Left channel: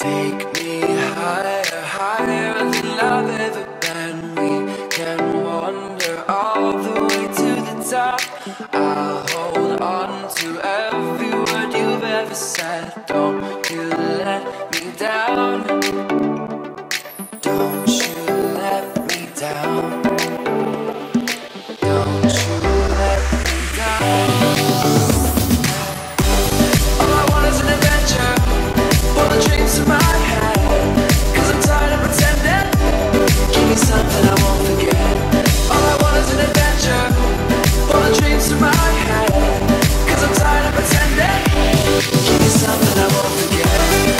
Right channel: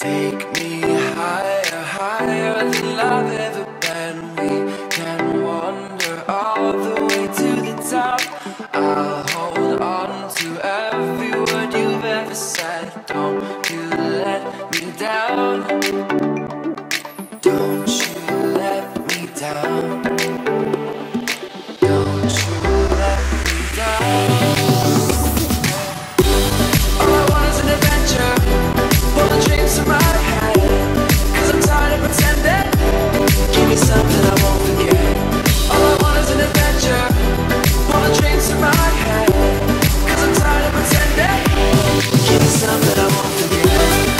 Take me higher, higher than I've ever been. We can wander all the way to the top. I'll hold on to every word you've ever said. Don't you let me down. Don't you let me down. Don't you let me down. All I want is an adventure. Pull the dreams to my head, 'cause I'm tired of pretending. Give me something I won't forget. All I want is an adventure. Pull the dreams to my head, 'cause I'm tired of pretending. Give me something I won't forget.